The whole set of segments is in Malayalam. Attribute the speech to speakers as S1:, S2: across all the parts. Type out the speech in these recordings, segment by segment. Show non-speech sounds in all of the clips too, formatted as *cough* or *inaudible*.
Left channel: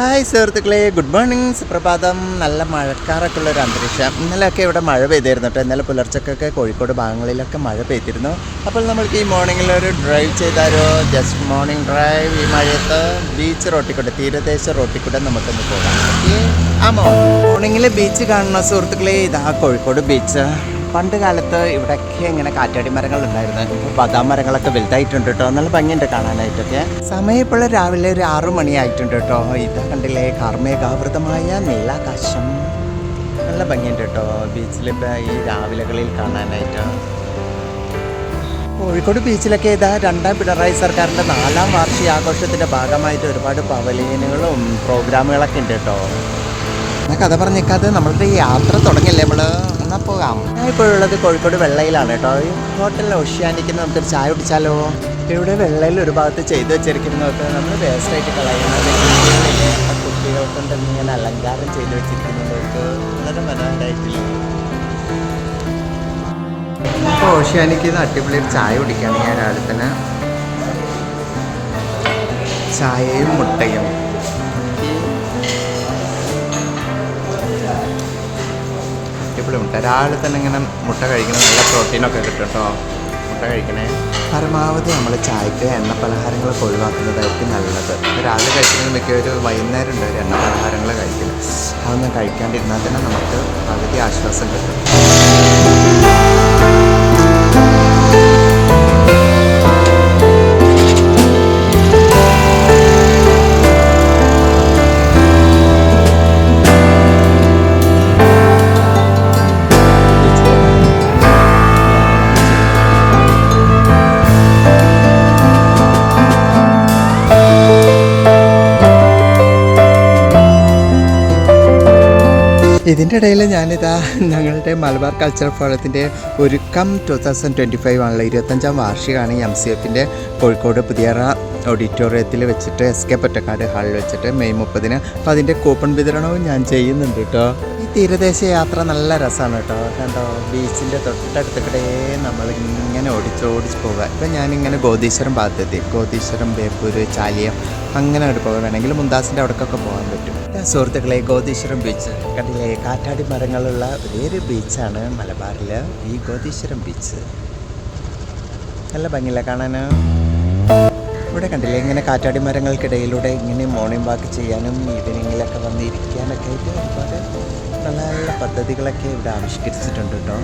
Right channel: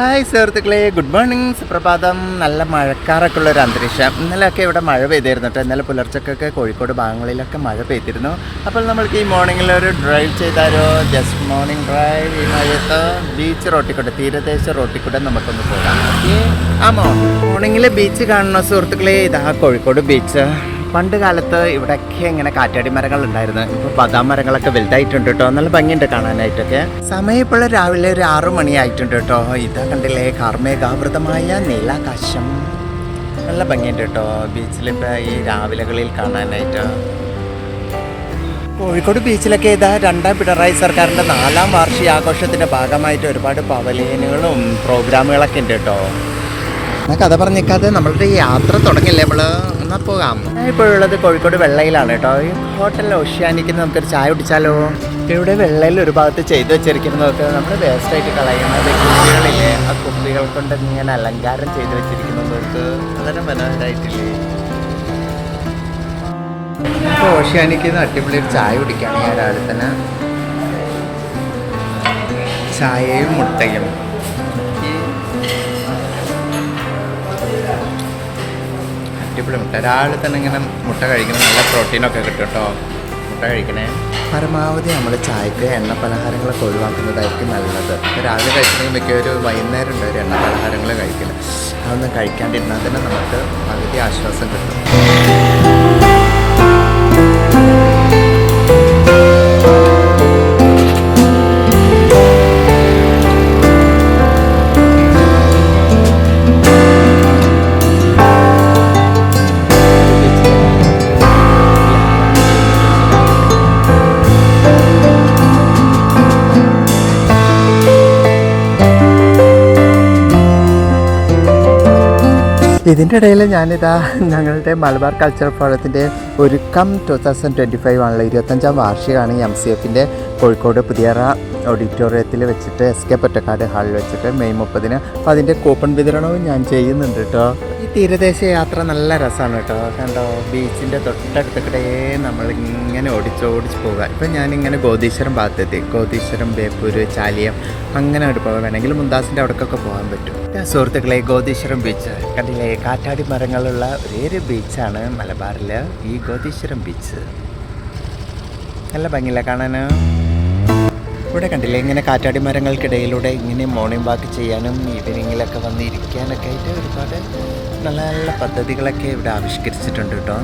S1: ഹായ് സുഹൃത്തുക്കളെ ഗുഡ് മോർണിംഗ്. സുപ്രഭാതം. നല്ല മഴക്കാറൊക്കെ ഉള്ള ഒരു അന്തരീക്ഷം. ഇന്നലെയൊക്കെ ഇവിടെ മഴ പെയ്തിരുന്നു കേട്ടോ. ഇന്നലെ പുലർച്ചക്കൊക്കെ കോഴിക്കോട് ഭാഗങ്ങളിലൊക്കെ മഴ പെയ്തിരുന്നു. അപ്പോൾ നമ്മൾക്ക് ഈ മോർണിംഗിൽ ഒരു ഡ്രൈവ് ചെയ്താലോ? ജസ്റ്റ് മോർണിംഗ് ഡ്രൈവ് ഈ മഴയത്ത്. ബീച്ച് റോട്ടിക്കൂടെ തീരദേശ റോട്ടിക്കൂടെ നമുക്കൊന്ന് പോകാം. ഓക്കെ ആ മോർണിംഗിൽ ബീച്ച് കാണണോ സുഹൃത്തുക്കളെ? ഇതാ കോഴിക്കോട് ബീച്ച് പണ്ട് കാലത്ത് ഇവിടെയൊക്കെ ഇങ്ങനെ കാറ്റാടി മരങ്ങൾ ഉണ്ടായിരുന്നു. ഇപ്പോൾ ബദാം മരങ്ങളൊക്കെ വലുതായിട്ടുണ്ട് കേട്ടോ. നല്ല ഭംഗിയുണ്ട് കാണാനായിട്ടൊക്കെ. സമയം ഇപ്പോൾ രാവിലെ ഒരു ആറു മണിയായിട്ടുണ്ട് കേട്ടോ. ഇതാ കണ്ടില്ലേ കാർമേഘാവൃതമായ നീലാകാശം. നല്ല ഭംഗിയുണ്ട് കേട്ടോ ബീച്ചിലിപ്പോൾ ഈ രാവിലകളിൽ കാണാനായിട്ട്. കോഴിക്കോട് ബീച്ചിലൊക്കെ ഇതാ രണ്ടാം പിണറായി സർക്കാരിന്റെ നാലാം വാർഷികാഘോഷത്തിന്റെ ഭാഗമായിട്ട് ഒരുപാട് പവലിയനുകളും പ്രോഗ്രാമുകളൊക്കെ ഉണ്ട് കേട്ടോ. എന്നാ കഥ പറഞ്ഞേക്കാതെ നമ്മളുടെ യാത്ര തുടങ്ങില്ലേ നമ്മൾ എന്നാ പോകാം. ഞാൻ ഇപ്പോഴുള്ളത് കോഴിക്കോട് വെള്ളയിലാണ് കേട്ടോ. ഈ ഹോട്ടൽ ഓഷ്യാനിക്ക് നമുക്കൊരു ചായ കുടിച്ചാലോ? ഇവിടെ വെള്ളയിൽ ഒരു ഭാഗത്ത് ചെയ്തു വെച്ചിരിക്കുന്നതൊക്കെ നമ്മൾ വേസ്റ്റായിട്ട് കളയുന്നത് കുട്ടികളില്ലേ ആ കുട്ടികൾ കൊണ്ട് ഇങ്ങനെ അലങ്കാരം ചെയ്തു വെച്ചിരിക്കുന്നതൊക്കെ വളരെ മനോഹരമായിട്ടില്ലേ ഇപ്പോൾ ഓഷ്യാനിക്ക് അടിപൊളി ഒരു ചായ കുടിക്കുകയാണ് ഞാൻ രാവിലെ തന്നെ. ചായയും മുട്ടയും. അടിപൊളി മുട്ട. രാവിലെ തന്നെ ഇങ്ങനെ മുട്ട കഴിക്കണം നല്ല പ്രോട്ടീനൊക്കെ കിട്ടും കേട്ടോ മുട്ട കഴിക്കണേ. പരമാവധി നമ്മൾ ചായക്ക് എണ്ണ പലഹാരങ്ങളൊക്കെ ഒഴിവാക്കുന്നതായിരിക്കും നല്ലത്. രാവിലെ കഴിക്കണമെങ്കിൽ മിക്ക ഒരു വൈകുന്നേരം ഉണ്ട് ഒരു എണ്ണ പലഹാരങ്ങൾ കഴിക്കില്ല അതൊന്നും കഴിക്കാണ്ടിരുന്നാൽ തന്നെ നമുക്ക് പകുതി ആശ്വാസം കിട്ടും. ഇതിന്റെ ഇടയിൽ ഞാനിതാ ഞങ്ങളുടെ മലബാർ കൾച്ചറൽ ഫോറത്തിന്റെ ഒരുക്കം ടു തൗസൻഡ് ട്വന്റി ഫൈവ് ആണല്ലോ ഇരുപത്തഞ്ചാം വാർഷികമാണ് എം സി എഫിന്റെ കോഴിക്കോട് പുതിയറ ഓഡിറ്റോറിയത്തിൽ വെച്ചിട്ട് എസ് കെ പൊറ്റക്കാട് ഹാളിൽ വെച്ചിട്ട് മെയ് മുപ്പതിന്. അപ്പോൾ അതിന്റെ കൂപ്പൺ വിതരണവും ഞാൻ ചെയ്യുന്നുണ്ട് കേട്ടോ. തീരദേശ യാത്ര നല്ല രസമാണ് കേട്ടോ. കണ്ടോ ബീച്ചിന്റെ തൊട്ടടുത്ത് നമ്മളിങ്ങനെ ഓടിച്ചോടിച്ച് പോകുക ഇപ്പം ഞാനിങ്ങനെ ഗോതീശ്വരം ഭാഗത്തെത്തി. ഗോതീശ്വരം ബേപ്പൂര് ചാലിയം അങ്ങനെ അവിടെ പോകാൻ വേണമെങ്കിൽ മുന്താസിന്റെ അവിടേക്കൊക്കെ പോകാൻ പറ്റും. സുഹൃത്തുക്കളെ ഗോതീശ്വരം ബീച്ച് കണ്ടില്ലേ? കാറ്റാടി മരങ്ങളുള്ള ഒരേ ഒരു ബീച്ചാണ് മലബാറിൽ ഈ ഗോതീശ്വരം ബീച്ച് നല്ല ഭംഗിയില്ല കാണാൻ? ഇവിടെ കണ്ടില്ലേ? ഇങ്ങനെ കാറ്റാടി മരങ്ങൾക്കിടയിലൂടെ ഇങ്ങനെ മോർണിംഗ് വാക്ക് ചെയ്യാനും ഈവനിങ്ങിലൊക്കെ വന്നിരിക്കാനൊക്കെ ആയിട്ട് ഒരുപാട് നല്ല നല്ല പദ്ധതികളൊക്കെ ഇവിടെ ആവിഷ്കരിച്ചിട്ടുണ്ട് കേട്ടോ.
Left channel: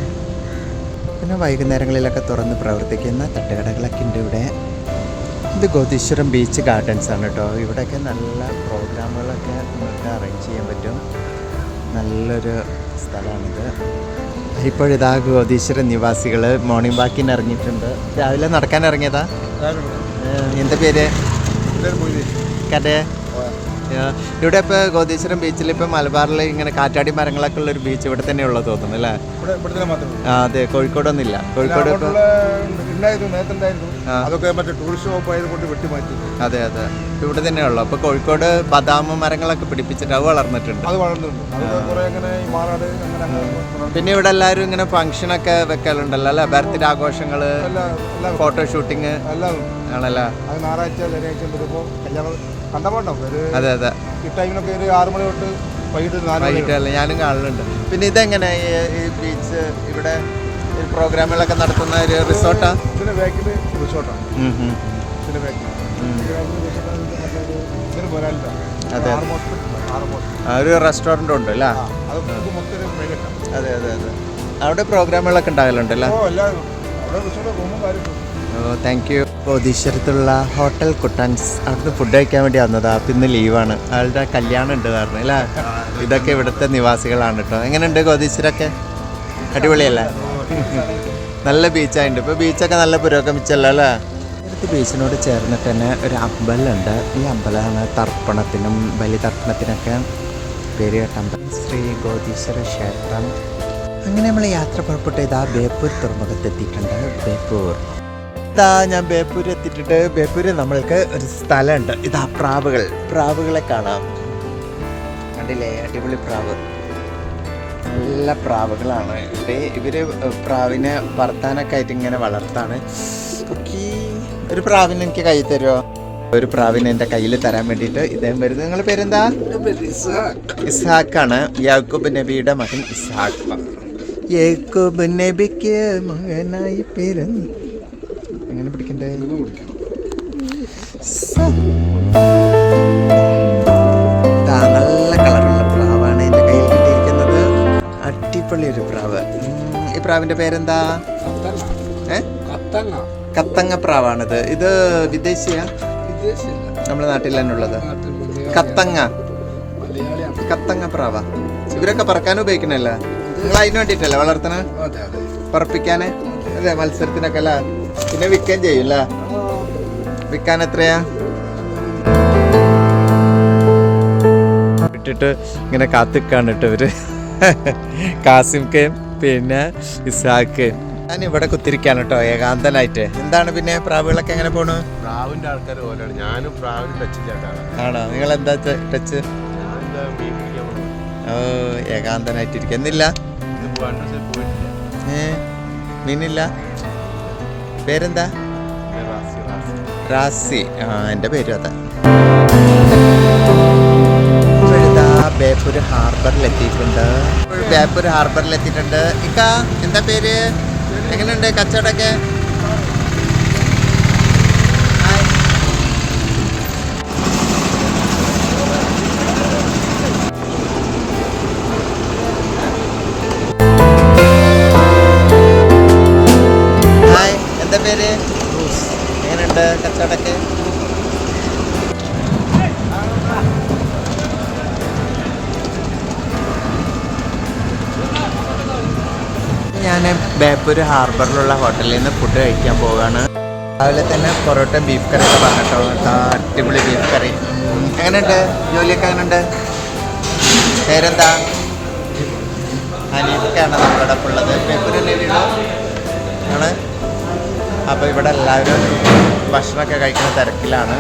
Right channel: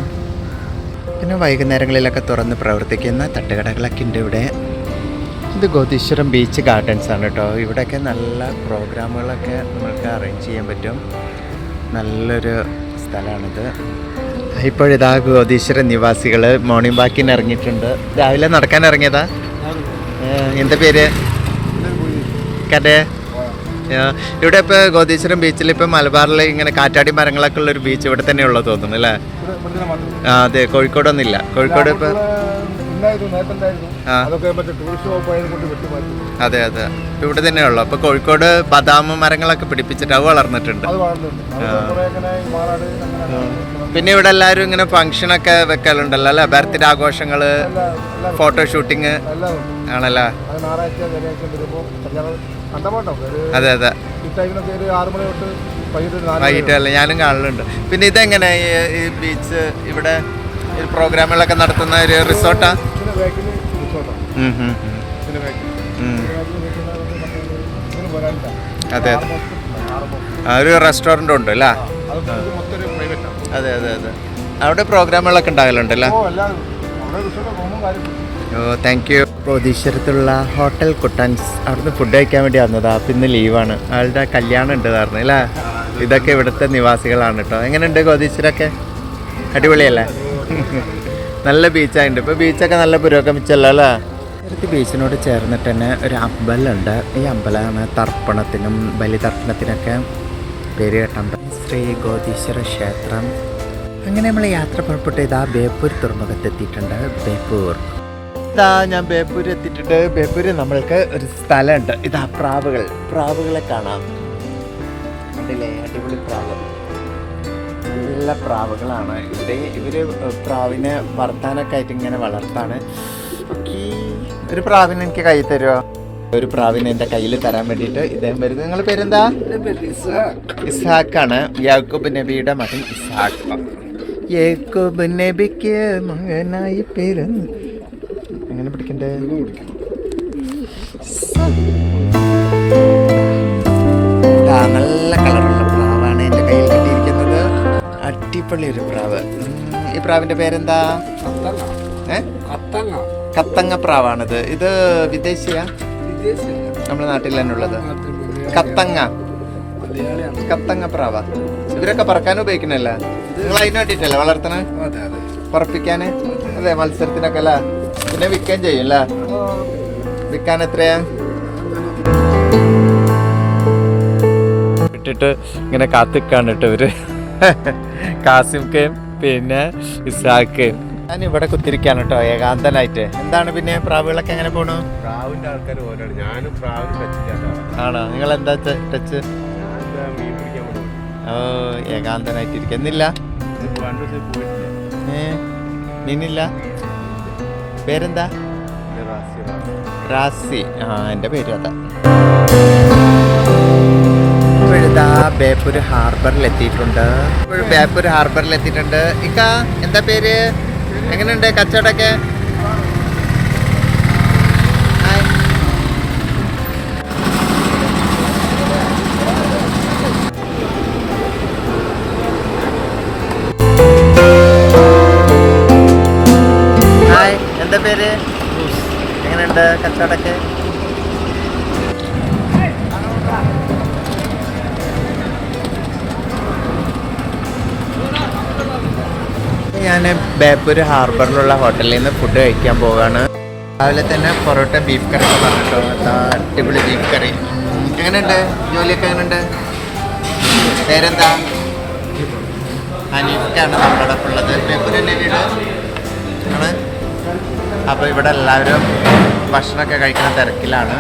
S1: പിന്നെ വൈകുന്നേരങ്ങളിലൊക്കെ തുറന്ന് പ്രവർത്തിക്കുന്ന തട്ടുകടകളൊക്കെ ഉണ്ട് ഇവിടെ. ഇത് ഗോതീശ്വരം ബീച്ച് ഗാർഡൻസ് ആണ് കേട്ടോ. ഇവിടെയൊക്കെ നല്ല പ്രോഗ്രാമുകളൊക്കെ നമുക്ക് അറേഞ്ച് ചെയ്യാൻ പറ്റും. നല്ലൊരു സ്ഥലമാണിത്. ഇപ്പോഴിതാ ഗോതീശ്വര നിവാസികൾ മോർണിംഗ് വാക്കിന് ഇറങ്ങിയിട്ടുണ്ട്. രാവിലെ നടക്കാൻ ഇറങ്ങിയതാ? എന്താ പേര്? കടേ ഇവിടെ ഇപ്പോൾ ഗോതീശ്വരം ബീച്ചിൽ ഇപ്പോൾ മലബാറിൽ ഇങ്ങനെ കാറ്റാടി മരങ്ങളൊക്കെ ഉള്ള ഒരു ബീച്ച് ഇവിടെ തന്നെ ഉള്ളത് തോന്നുന്നു അല്ലേ അതെ കോഴിക്കോടൊന്നുമില്ല. കോഴിക്കോട് ഇപ്പോൾ
S2: അതൊക്കെ മറ്റേ ടൂറിസ്റ്റ് വകുപ്പ് വെട്ടിമാറ്റി.
S1: അതെ അതെ. ഇവിടെ തന്നെ ഉള്ളു അപ്പോൾ കോഴിക്കോട് ബദാം മരങ്ങളൊക്കെ പിടിപ്പിച്ചിട്ട് അത് വളർന്നിട്ടുണ്ട്.
S2: അത്
S1: പിന്നെ ഇവിടെ എല്ലാവരും ഇങ്ങനെ ഫംഗ്ഷൻ ഒക്കെ വെക്കലുണ്ടല്ലോ അല്ലെ? ബർത്ത്ഡേ ആഘോഷങ്ങൾ ഫോട്ടോ ഷൂട്ടിങ് ആണല്ലേ?
S2: അത്
S1: അതെ അതെ.
S2: ഈ ടൈമിനൊക്കെ ഒരു ആറ് മണി തൊട്ട് വൈകിട്ട് ഒരു നാല് മണി
S1: വൈകിട്ട് അല്ലേ? ഞാനും കാണലുണ്ട്. പിന്നെ ഇതെങ്ങനെ ഈ- ബീച്ച് ഇവിടെ പ്രോഗ്രാമുകളൊക്കെ നടത്തുന്ന ഒരു
S2: റിസോർട്ടാണ്.
S1: അതെ, ഒരു റെസ്റ്റോറന്റ് ഉണ്ട് അല്ലേ?
S2: അത്
S1: അതെ അതെ അവിടെ പ്രോഗ്രാമുകളൊക്കെ ഉണ്ടാകലുണ്ടല്ലോ
S2: ഓ
S1: താങ്ക് യു ബോധീശ്വരത്തുള്ള ഹോട്ടൽ കുട്ടൻസ് അവിടുന്ന് ഫുഡ് കഴിക്കാൻ വേണ്ടി വന്നതാ. ഇന്ന് ലീവാണ് ആളുടെ കല്യാണം ഉണ്ട് പറഞ്ഞു അല്ലേ? ഇതൊക്കെ ഇവിടുത്തെ നിവാസികളാണ് കേട്ടോ. എങ്ങനെയുണ്ട് ഗോതീശ്വരൊക്കെ? അടിപൊളിയല്ലേ? നല്ല ബീച്ചായിട്ടുണ്ട് ഇപ്പോൾ ബീച്ചൊക്കെ നല്ല പുരോഗമിച്ചല്ലോ അല്ലേ? നേരത്തെ ബീച്ചിനോട് ചേർന്നിട്ട് തന്നെ ഒരു അമ്പലമുണ്ട്. ഈ അമ്പലമാണ് തർപ്പണത്തിനും ബലിതർപ്പണത്തിനൊക്കെ പേര് കേട്ട അമ്പലം ശ്രീ ഗോതീശ്വര ക്ഷേത്രം. അങ്ങനെ നമ്മൾ യാത്ര പുറപ്പെട്ട് ഇതാ ബേപ്പൂർ തുറമുഖത്തെത്തിയിട്ടുണ്ട്. ബേപ്പൂർ. ഇതാ ഞാൻ ബേപ്പൂർ എത്തിയിട്ടുണ്ട്. ബേപ്പൂർ നമ്മൾക്ക് ഒരു സ്ഥലമുണ്ട്. ഇതാ പ്രാവുകൾ. പ്രാവുകളെ കാണാം. കണ്ടില്ലേ? അടിപൊളി പ്രാവ്. നല്ല പ്രാവുകളാണ്. ഇവിടെ ഇവർ പ്രാവിനെ വർത്താനൊക്കെ ആയിട്ട് ഇങ്ങനെ വളർത്താണ്. ഒരു പ്രാവിനെ എനിക്ക് കൈ തരുമോ ഒരു പ്രാവിനെ എന്റെ കയ്യിൽ തരാൻ വേണ്ടിയിട്ട് ഇദ്ദേഹം വരുന്നത് നിങ്ങളുടെ പേരെന്താ? ഇസാഖാണ് യാക്കൂബ് നബിയുടെ മകൻ ഇസ്ഹാഖ് യാക്കൂബ് നബിക്ക് മകനായി പിറന്നു. എങ്ങനെ പിടിക്കണ്ടേ? നല്ല കളറുള്ള അടിപൊളി ഒരു പ്രാവ്. ഈ പ്രാവിന്റെ പേരെന്താ?
S2: കത്തങ്ങ.
S1: ഏ?
S2: കത്തങ്ങ.
S1: കത്തങ്ങ പ്രാവാണിത്. ഇത് വിദേശിയാ? നമ്മുടെ നാട്ടിൽ തന്നെ ഉള്ളത്. കത്തങ്ങ.
S2: മലയാളിയാണ്.
S1: കത്തങ്ങ പ്രാവ. ഇവരൊക്കെ പറക്കാൻ ഉപയോഗിക്കണല്ലേ നിങ്ങൾ അതിന് വേണ്ടിട്ടല്ലേ വളർത്തണേ?
S2: അതെ
S1: പറപ്പിക്കാന്? അതെ മത്സരത്തിനൊക്കെ അല്ല? പിന്നെ വിൽക്കാൻ ചെയ്യും അല്ലേ? വിൽക്കാൻ എത്രയാ? ഇട്ടിട്ട് ഇങ്ങനെ കാത്തിക്കാണ് കേട്ടോ ഇവർ. *laughs* കാസിംക്കയും പിന്നെ ഇസാഖയും ഞാൻ ഇവിടെ കുത്തിരിക്കാണ് കേട്ടോ ഏകാന്തനായിട്ട്. എന്താണ് പിന്നെ പ്രാവുകളൊക്കെ എങ്ങനെ പോണു?
S3: പ്രാവിന്റെ ആൾക്കാർ പോലെയാണ്. ഞാനും പ്രാവിന് ടച്ച് ചെയ്യാത്ത
S1: ആണോ? നിങ്ങൾ എന്താ ടച്ച് ഓ
S3: ഏകാന്തനായിട്ട്
S1: ഏ? നിന്നില്ല? പേരെന്താ?
S3: റാസി.
S1: ആ എന്റെ പേരും അതാ. ഇപ്പോഴിതാ ബേപ്പൂർ ഹാർബറിൽ എത്തിയിട്ടുണ്ട് ബേപ്പൂർ ഹാർബറിൽ എത്തിയിട്ടുണ്ട് ഇക്ക എന്താ പേര്? എങ്ങനെയുണ്ട് കച്ചവടമൊക്കെ? ഹായ്. എന്താ പേര്? എങ്ങനെയുണ്ട് കച്ചവടമൊക്കെ? ഞാൻ ബേപ്പൂർ ഹാർബറിലുള്ള ഹോട്ടലിൽ നിന്ന് ഫുഡ് കഴിക്കാൻ പോവുകയാണ് രാവിലെ തന്നെ പൊറോട്ട ബീഫ് കറി അടിപൊളി ബീഫ് കറി. എങ്ങനെയുണ്ട്? ജോലിയൊക്കെ എങ്ങനെയുണ്ട്? പേരെന്താ? അനീഫൊക്കെയാണ് നമ്മുടെ ഒപ്പം ഉള്ളത്. ബേപ്പൂരല്ലേ വീട്? ആണ്. അപ്പോൾ ഇവിടെ എല്ലാവരും ഭക്ഷണമൊക്കെ കഴിക്കുന്ന തിരക്കിലാണ്.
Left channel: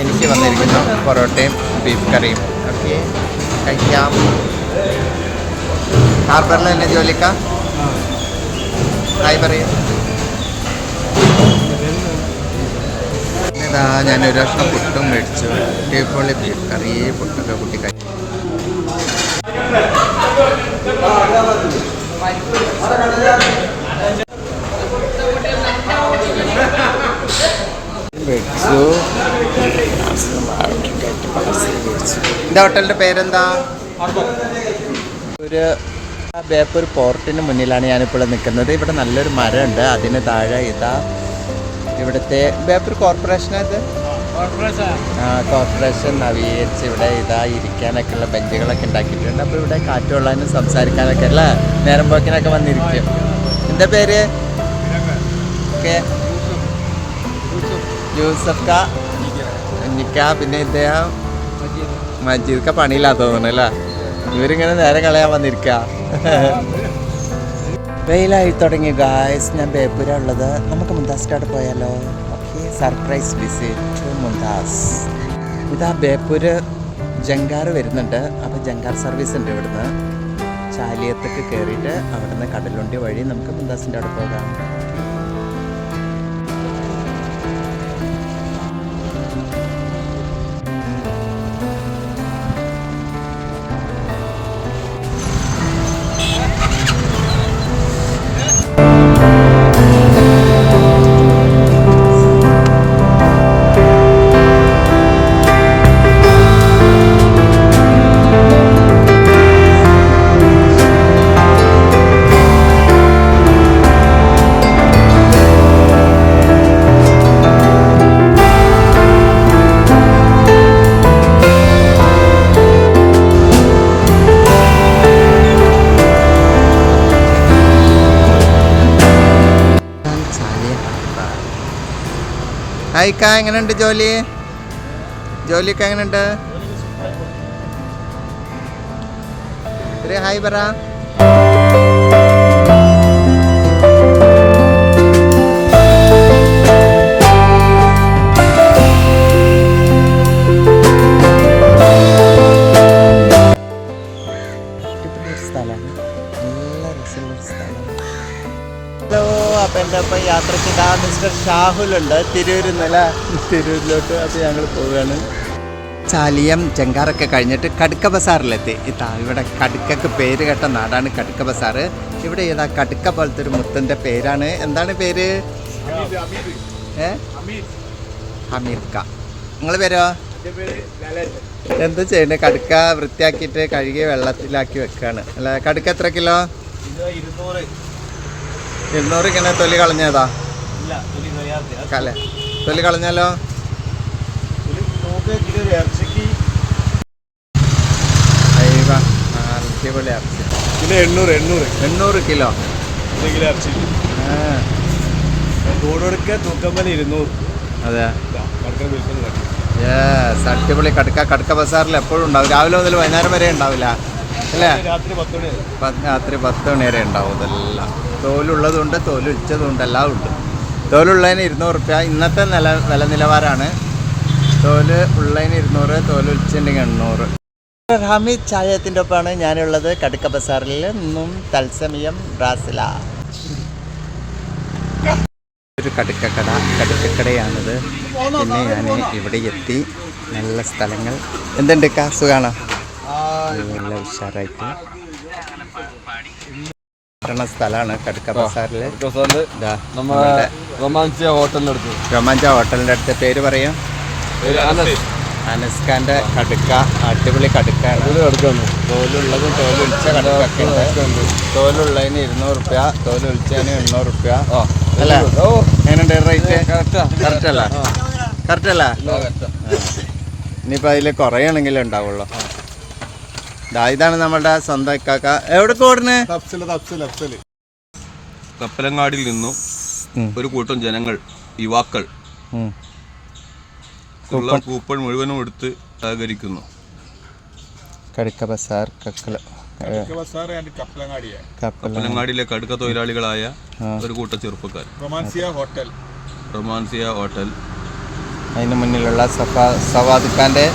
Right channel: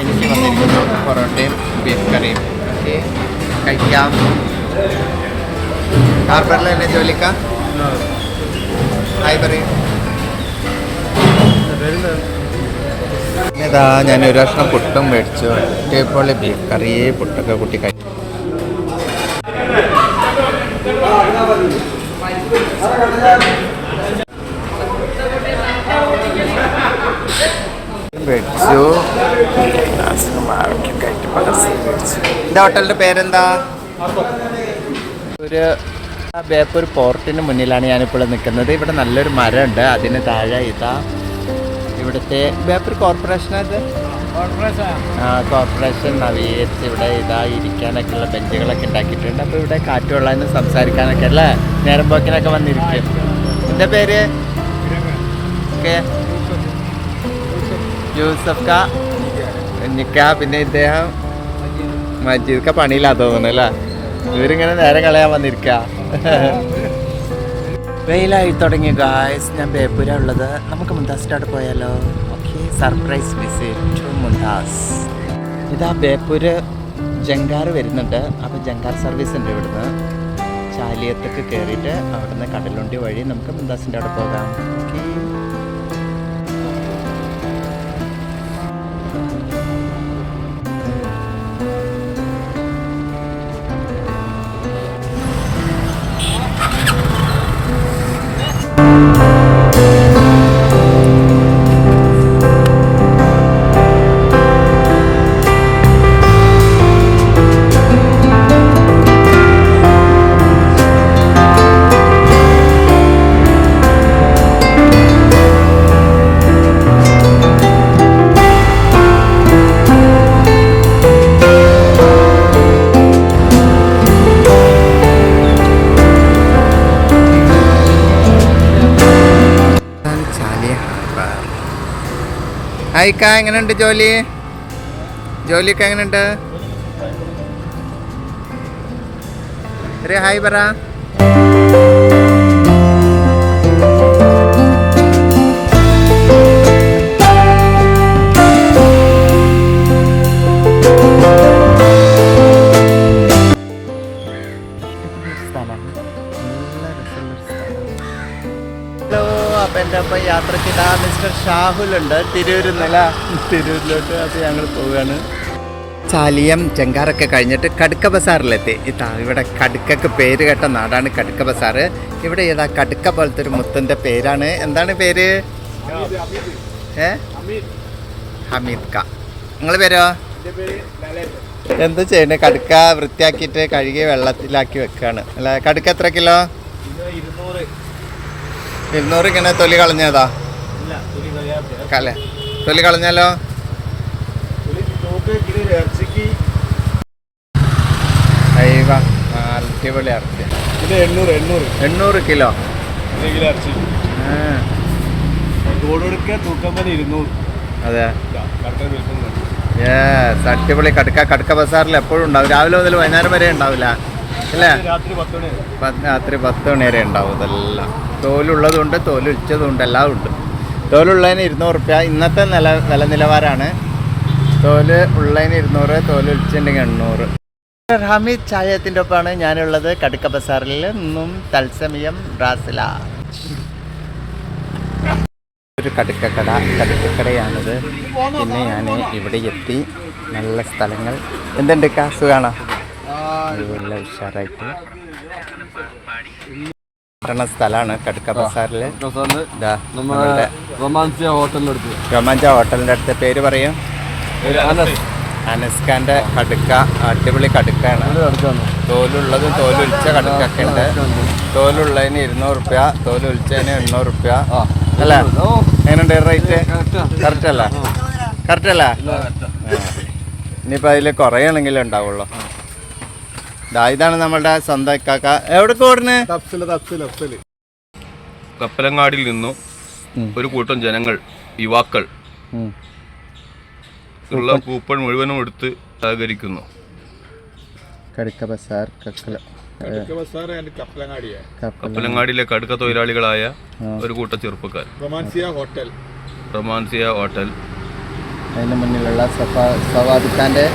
S1: എനിക്ക് വന്നിരിക്കുന്നത് പൊറോട്ടയും ബീഫ് കറിയും. ഓക്കെ. കഴിക്കാം. ഹാർബറിൽ തന്നെ ജോലിക്ക ഹായ് പറയും ഇതാ ഞാൻ ഒരു കഷ്ണം പുട്ടും മേടിച്ചു. ഇപ്പോൾ ബീഫ് കറി പുട്ടൊക്കെ കുട്ടി കഴിച്ചു. മേടിച്ചു. എന്താ ഹോട്ടലിന്റെ പേരെന്താ? ഒരു ബേപ്പൂർ പോർട്ടിന് മുന്നിലാണ് ഞാനിപ്പോൾ നിൽക്കുന്നത്. ഇവിടെ നല്ലൊരു മരമുണ്ട്. അതിന് താഴെ ഇതാ ഇവിടുത്തെ ബേപ്പൂർ കോർപ്പറേഷൻ ഇത്? ആ കോർപ്പറേഷൻ നവീകരിച്ച് ഇവിടെ ഇതാ ഇരിക്കാനൊക്കെ ഉള്ള ബെഞ്ചുകളൊക്കെ ഉണ്ടാക്കിയിട്ടുണ്ട്. അപ്പോൾ ഇവിടെ കാറ്റ് കൊള്ളാനും സംസാരിക്കാനൊക്കെ അല്ലേ? നേരം പോക്കിനൊക്കെ വന്നിരിക്കും. എന്റെ പേര്? ഓക്കെ യൂസഫ്. കാ? നിക്ക പിന്നെ ഇദ്ദേഹം? മജീദ്. ക പണിയില്ലാ തോന്നുന്നു അല്ലേ? ഇവരിങ്ങനെ നേരം കളയാൻ വന്നിരിക്ക. *laughs* വെയിലായി തുടങ്ങി ഗായ്സ് ഞാൻ ബേപ്പൂര ഉള്ളത് നമുക്ക് മുന്താസിലോട്ട് പോയാലോ? Okay surprise visit to Mumtaz ഇതാ ബേപ്പൂര് ജങ്കാർ വരുന്നുണ്ട്. അപ്പോൾ ജങ്കാർ സർവീസ് ഉണ്ട് ഇവിടുന്ന്. ചാലിയത്തേക്ക് കയറിയിട്ട് അവിടുന്ന് കടലുണ്ടി വഴി നമുക്ക് മുന്താസിന്റെ അവിടെ പോകാം. ഹായ്ക്ക എങ്ങനെയുണ്ട് ജോലി? ജോലിയൊക്കെ എങ്ങനെയുണ്ട്? ഒരു ഹായ് പറ. ഹലോ അപ്പൊ എന്റെ ഒപ്പം യാത്രയ്ക്ക്? ഇതാ മിസ്റ്റർ ഷാഹുലുണ്ട് തിരൂരിൽ നിന്നല്ല തിരൂരിലോട്ട് അപ്പോൾ ഞങ്ങൾ പോവുകയാണ്. ചാലിയം ചെങ്കാറൊക്കെ കഴിഞ്ഞിട്ട് കടുക്ക ബസാറിലെത്തി. ഇതാ ഇവിടെ കടുക്കക്ക് പേര് കേട്ട നാടാണ് കടുക്ക ബസാർ. ഇവിടെ ഏതാ കടുക്ക പോലത്തെ ഒരു മുത്തന്റെ പേരാണ്. എന്താണ് പേര്? ഏ? ഹമീദ് ക. നിങ്ങൾ പേരോ? എന്ത് ചെയ്യണേ കടുക്ക വൃത്തിയാക്കിയിട്ട് കഴുകി വെള്ളത്തിലാക്കി വെക്കുകയാണ് അല്ല? കടുക്ക എത്ര കിലോ? ഇരുന്നൂറ് ഇങ്ങനെ തൊലി കളഞ്ഞതാ? കലേ തൊലി കളഞ്ഞാലോ?
S2: നോക്ക് ഇത് ഇറച്ചിക്ക്
S1: അയ്യവ അടിപൊളി ഇറച്ചി.
S2: ഇത് എണ്ണൂറ് എണ്ണൂറ്.
S1: എണ്ണൂറ് കിലോ?
S2: കിലോ തോടുകൊടുക്ക ഇരുന്നൂറ്.
S1: അതെ. യെസ് അടിപൊളി കടുക്ക. കടുക്ക ബസാറിൽ എപ്പോഴും ഉണ്ടാവും. രാവിലെ മുതൽ വൈകുന്നേരം വരെ ഉണ്ടാവില്ല. അല്ലേ?
S2: രാത്രി പത്ത് മണി
S1: രാത്രി പത്ത് മണി വരെ ഉണ്ടാവും ഇതെല്ലാം. തോലുള്ളതുണ്ട് തോലുച്ചതുണ്ട് എല്ലാം ഉണ്ട് തോലുള്ളതിന് ഇരുന്നൂറ് റുപ്യ ഇന്നത്തെ നില വില നിലവാരമാണ് തോൽ ഉള്ളതിന് ഇരുന്നൂറ് തോൽ എണ്ണൂറ്. ഹമീദ് ചായത്തിന്റെ ഒപ്പമാണ് ഞാനുള്ളത്. കടുക്ക ബസാറിൽ നിന്നും തത്സമയം റാസില ഒരു കടുക്കക്കട. കടുക്കക്കടയാണിത്. പിന്നെ ഞാൻ ഇവിടെ എത്തി. നല്ല സ്ഥലങ്ങൾ. എന്തുണ്ട് കാസ് നല്ല ഉഷാറായിട്ട്. പറഞ്ഞ സ്ഥലമാണ് കടുക്ക ബസാറിൽ നമ്മളുടെ
S2: റൊമാൻസിയ ഹോട്ടലിന്റെ അടുത്ത്
S1: രോമാഞ്ച ഹോട്ടലിന്റെ അടുത്ത് പേര് പറയും.
S2: അനസ്കാന്റെ അനസ്.
S1: കടുക്ക അടിപൊളി കടുക്കാണ് തോലുള്ളതും തോലൊലിച്ച കടുക്കൊക്കെ ഉണ്ട് തോലുള്ളതിന് ഇരുന്നൂറ് റുപ്യ തോലൊലിച്ചതിന് എണ്ണൂറ്. റുപ്യ അല്ല എങ്ങനെയുണ്ട് റേറ്റ്?
S2: കറക്റ്റാ.
S1: അല്ല കറക്റ്റ്. അല്ല. ഇനിയിപ്പോൾ അതിൽ കുറയാണെങ്കിലും ഉണ്ടാവുള്ളൂ. ദാ ഇതാണ് നമ്മളുടെ സ്വന്തം കാക്ക എവിടെ ഓടുന്നത്
S2: തപ്സിൽ തപ്സിൽ തപ്സിൽ.
S3: തപ്പലങ്ങാടിയിൽ നിന്നും ഒരു കൂട്ടം ജനങ്ങൾ യുവാക്കൾ ഉള്ള കൂപ്പൺ മുഴുവനും എടുത്ത് സഹകരിക്കുന്നു.
S1: കടുക്ക ബസാർ കക്കല
S3: കപ്പലങ്ങാടിയിലെ കടുക്ക തൊഴിലാളികളായ ഒരു കൂട്ടം ചെറുപ്പക്കാർ.
S2: Romancia hotel.
S3: Romancia hotel.
S1: അതിന് മുന്നിലുള്ള സഫാ സവാദുഖാന്റെ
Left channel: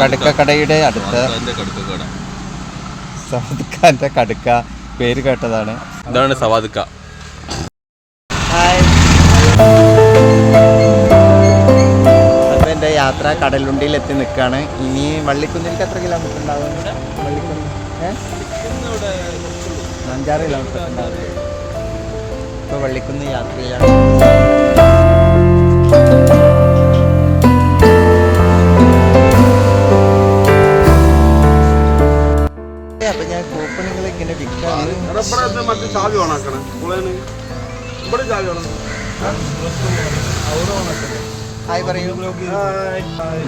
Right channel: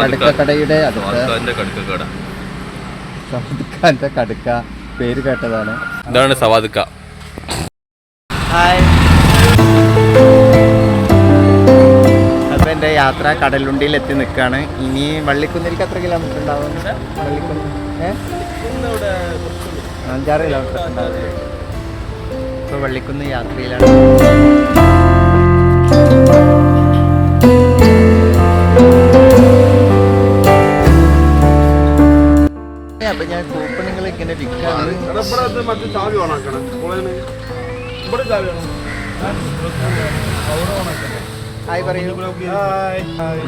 S1: കടുക്ക കടയുടെ അടുത്ത്
S3: വാക്കാന്റെ കടുക്ക കട
S1: സവാദ് ഖാന്റെ കടുക്ക പേര് കേട്ടതാണ്.
S3: ഇതാണ് സവാദുക്ക.
S1: ഹായ്. അപ്പോൾ എന്റെ യാത്ര കടലുണ്ടിയിൽ എത്തി നിൽക്കുകയാണ് ഇനി വള്ളിക്കുന്നിലേക്ക് എത്ര കിലോമീറ്റർ ഉണ്ടാവും? വള്ളിക്കുന്ന് ഏ? അഞ്ചാറ് കിലോമീറ്റർ ഉണ്ടാവും. ഇപ്പൊ വള്ളിക്കുന്ന് യാത്രയിലാണ്. അപ്പം ഞാൻ കൂപ്പണുകൾ ഇങ്ങനെ വിൽക്കാണ്.
S2: എടാ ഇവിടെ ഇത് മറ്റേ ചാവി ഓണാക്കണേ. ഇവിടെ ചാവി ഓണാ.
S1: ഹായ് പറയൂ.
S2: ഹായ്. ഹായ്.